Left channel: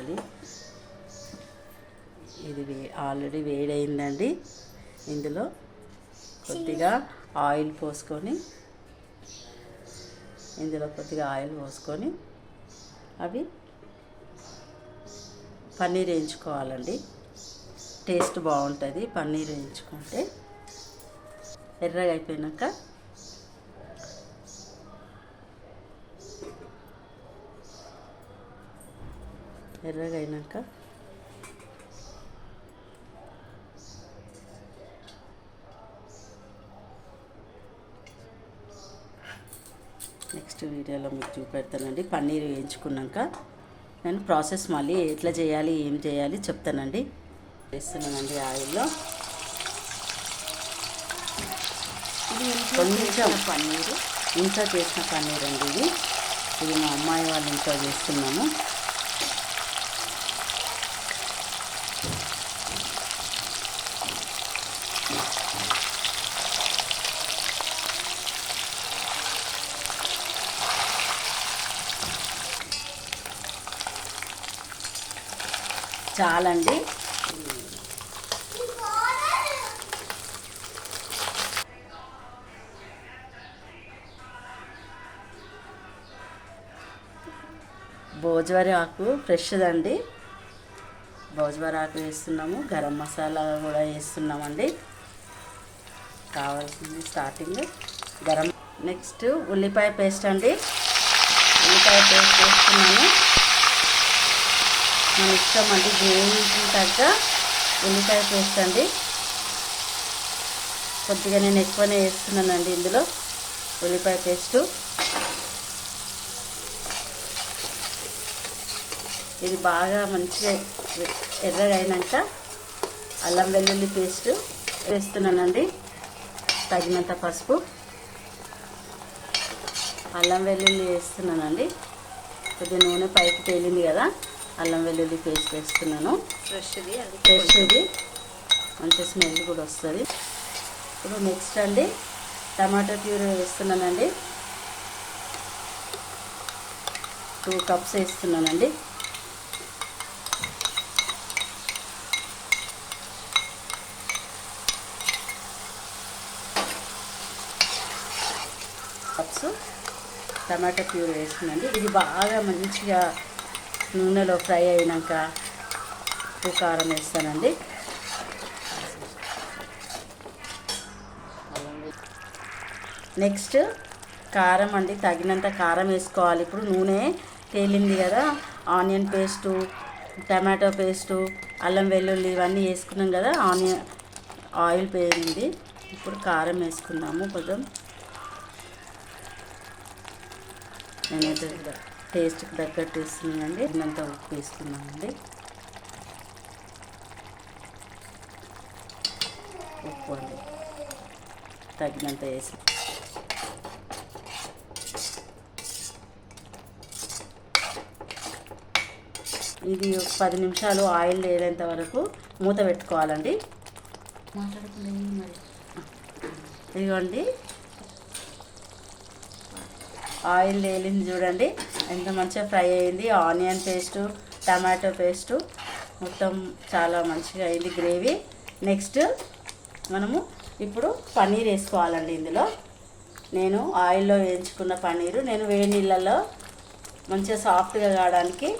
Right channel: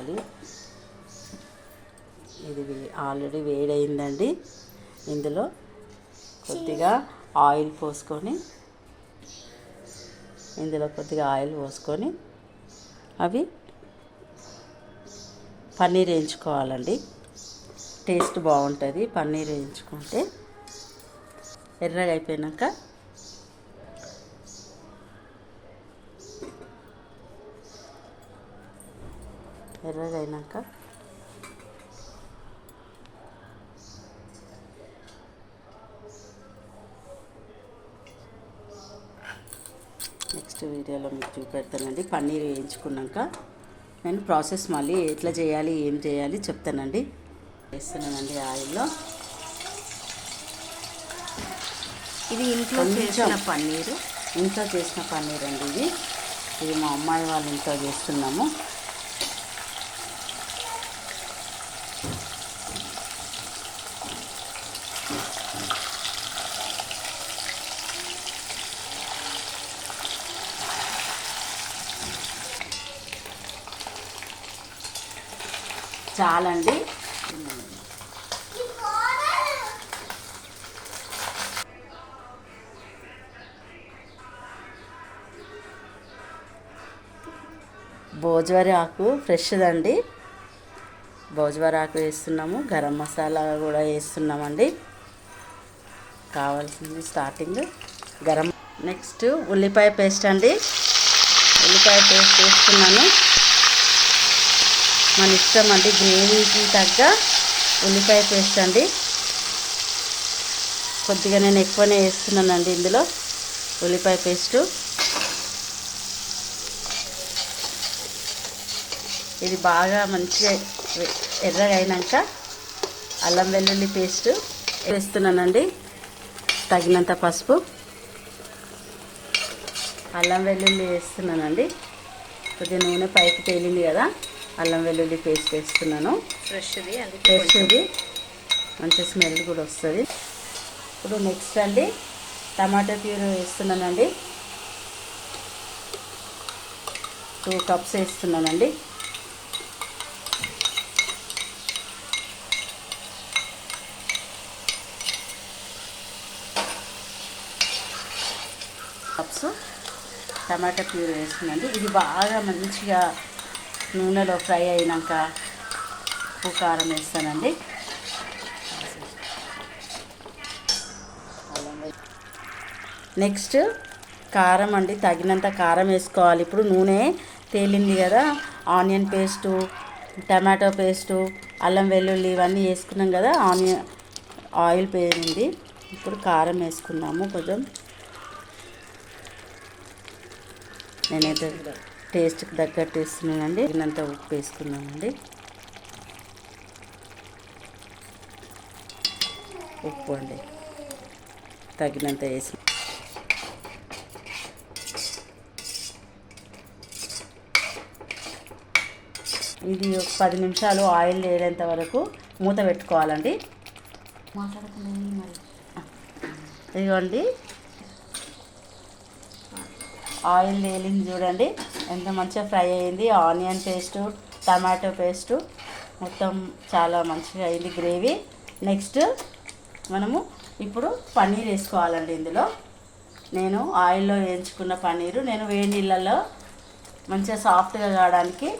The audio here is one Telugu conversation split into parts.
వేయించుకోవాలి. ఇది ఆల్రెడీ వేడైందండి. ఇందులో కొద్దిగా ఆయిల్ పోసుకొని అవి పన్నీర్ వేయించుకోవాలండి. టేస్ట్ బాగుంటుంది పన్నీర్ వేయించుకుంటే. ఎర్రగా అయిపోయాక నెక్స్ట్ వీడియోలో మీకు చూపెడతానండి. పన్నీర్ వేయించుకున్నాక నేను ప్రాసెస్ మళ్ళీ ఎట్లా చేయాలి ఏం చేయాలి చెప్తానండి. వేస్తున్నానండి ఆయిల్లో. ఇది ఇంట్లో చేసిన పన్నీర్ అండి. ఇది మా అమ్మాయి వాళ్ళ ఇంట్లో చేస్తున్నాము. చాలండి. భోజ్వారి ఆకు ఫ్రెష్దండి. భోజ్వారి ఆకు వేస్తున్నాము. గరం మసాలా కూడా వేస్తున్నామండి. కావాల్సింది స్టార్టింగ్ గరం. నెక్స్ట్ ఉల్లిపాయ పేస్ట్ అండి. ఉల్లిపాయ పేస్ట్ వేస్తున్నాను. మన ఇష్టం అండి, గ్రేవీకి తగ్గ ఉల్లిపాయ పేస్ట్ అండి. కొద్దిగా నేను ఎక్కువనే వేస్తున్నానండి ఇందులో ఉల్లిపాయ పేస్టు. ఇది బాగా మంచిగా ఎర్రగా అయినాక అల్లం వెల్లుల్లి పేస్టు వేస్తున్నానండి. తగినంత పసుపు, అల్లం వెల్లుల్లి వేస్తున్నానండి. కొద్దిగా నూనె పైకి తేలింది కదా, అల్లం వెల్లుల్లి పేస్ట్ వేస్తున్నాను. ఫ్రెష్ది మంచి స్మెల్ కూడా వస్తుంది. ఇప్పుడు నెక్స్ట్ అండి టమాటా ప్యూరీ వేస్తున్నానండి. 2 కప్స్ వేస్తున్నానండి. కప్స్ టమాటా ప్యూరీ వేస్తున్నానండి. ఇది బాగా మంచిగా నూనెలో ఫ్రై అయినాక ఉప్పు కారం వేస్తానండి. నెక్స్ట్ కారం అండి. తగినంత కారం వేసుకోవాలి. ఇప్పుడు నూనె తేలింది కదా, ఆనియన్ పేస్టు, టమాటో పేస్టు, అల్లం వెల్లుల్లి ఇవన్నీ వేసుకున్నాం కదా. ఆయిల్ పోయింది. ఇప్పుడు కారం వేసుకుందాము. కొంచెం నేనైతే టేస్ట్కి తగ్గట్టు వేస్తున్నానండి. తగినంత ఉప్పు వేసుకున్నానండి. ఉప్పు అండి తగినంత వేసి ఇది 10 నిమిషాలు ఆయిల్ లేనంత వరకు మూత పెట్టుకోవాలండి. మాట్లాడకుండా మరి ఇదిగోండి ఆయిల్ వేలింది చూడండి, ఎంత మంచిగా ఫ్రై అయింది. ఆనియన్ పేస్టు, టమాటో పేస్టు మొత్తం చాలా మంచిగా అయింది గ్రేవీ. నెక్స్ట్ మనము ఇప్పుడు పన్నీర్ వేసుకోవాలండి. ఇందులో నేను ఆయిల్లో వేయించుకున్న పన్నీరు నేను వేడి నీళ్ళల్లో మంచిగా సాఫ్ట్గా కావడానికి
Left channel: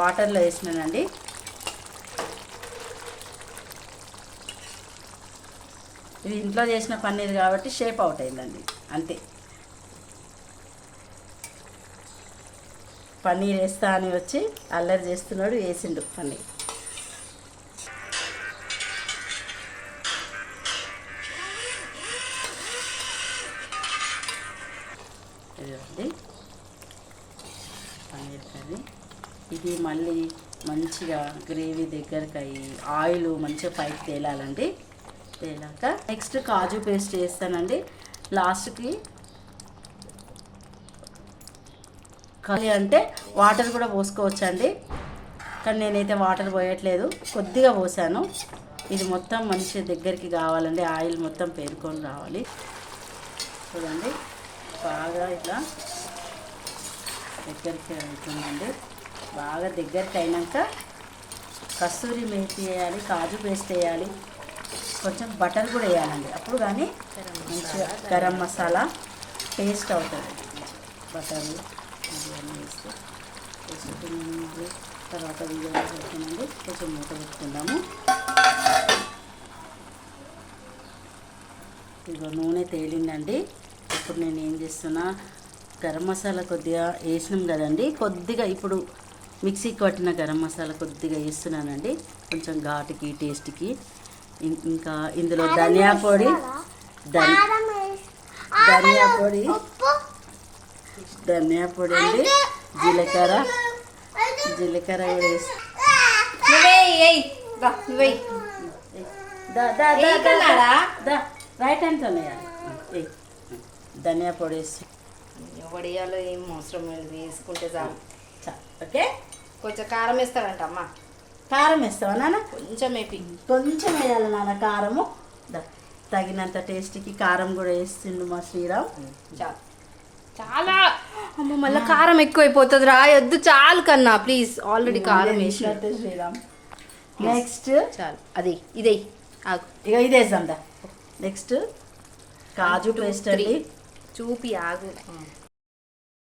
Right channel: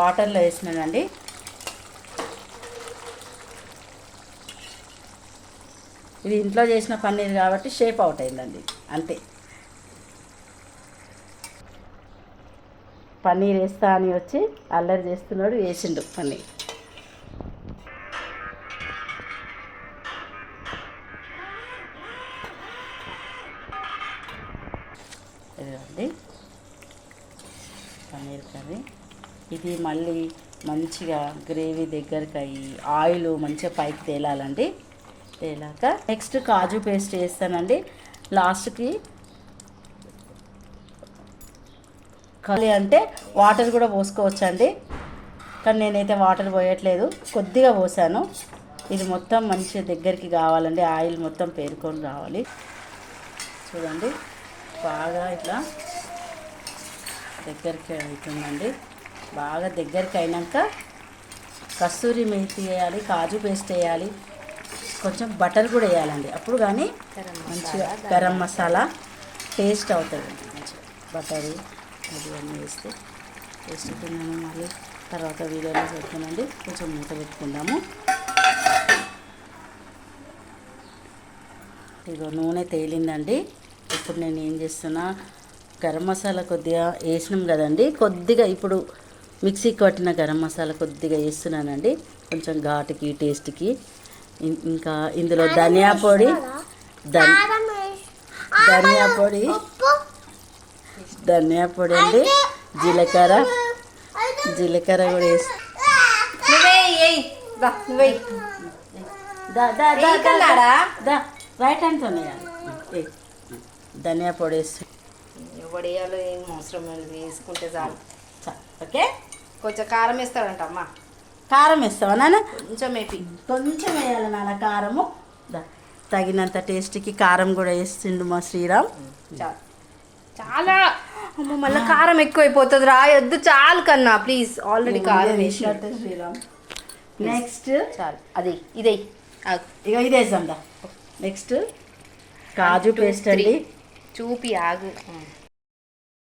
వాటర్లో వేసినానండి. ఇది ఇంట్లో చేసిన పన్నీర్ కాబట్టి షేప్ అవుట్ అయిందండి, అంతే. పన్నీర్ వేస్తా అని వచ్చి అల్లరి చేస్తున్నాడు, వేసిండు పన్నీర్. ఇదిగోండి పన్నీర్ కర్రీ. ఇది మళ్ళీ మంచిగా గ్రేవీ దగ్గరికి అయ్యి ఆయిల్ మంచిగా పైకి తేలాలండి. తేలాక నెక్స్ట్ కాజు పేస్ట్ వేస్తానండి లాస్ట్కి. కలి అంటే వాటర్ కూడా పోసుకోవచ్చండి, కానీ నేనైతే వాటర్ పోయట్లేదు, కొద్దిగా పోసాను. ఇది మొత్తం మంచిగా దగ్గరికి కావాలండి, ఆయిల్ మొత్తం పేరుకొని రావాలి. చూడండి బాగా ఇట్లా దగ్గరికి అవుతుందండి. బాగా దగ్గరికి అయినాక కస్తూరి మేతి వేయాలి, కాజు పేస్ట్ వేయాలి, కొంచెం బటర్ కూడా వేయాలండి. అప్పుడు కానీ మంచిగా గరం మసాలా టేస్ట్ అవుతుంది. మంచిగా బటరు అది అన్నీ వేస్తే టేస్ట్ అవుతుంది. మళ్ళీ తర్వాత వీడియోలో పెట్టుకునండి. కొంచెం మూత పెట్టుకుందాము. ఇదిగో నూనె తేలిందండి. ఇప్పుడు నేను ఏం చేస్తున్నా, గరం మసాలా కొద్దిగా వేసినాం కదండి, కొద్దిగా ఇప్పుడు మిక్సీ కొట్టిన గరం మసాలా కొద్దిగా వేస్తున్నానండి, కొంచెం ఘాటుకి టేస్ట్కి. ఇంకా ఇందులో ధనియా పొడి ధనియా పొడి అండి, జీలకర్ర కూడా వేసి రైట్ హ్యాండ్తో ధనియా పొడి వేసి వడియాలు ఏం అవసరం లేదు, వేసుకుంటే చాలు. ఓకే. కొంచెం కారం వేస్తాడంట అమ్మ. కారం వేస్తావా నాన్న? కొంచెం వేయాలి నాన్న కారము. తగినంత టేస్ట్కి కారం కూడా వేస్తుండు మా శ్రీరామ్. చాలు. చాలా అమ్మ, మళ్ళీ కారం ఎక్కువైపోతుంది, రాయొద్దు. చాలు కన్నా ప్లీజ్, ఆల్రెడీ కారం వేసినట్టు శ్రీరామ్. నెక్స్ట్ చాలు. అది ఇదే ఇక ఇది వేద్దాం. నెక్స్ట్ కాజు పేస్ట్ అండి. చూపి ఆగు.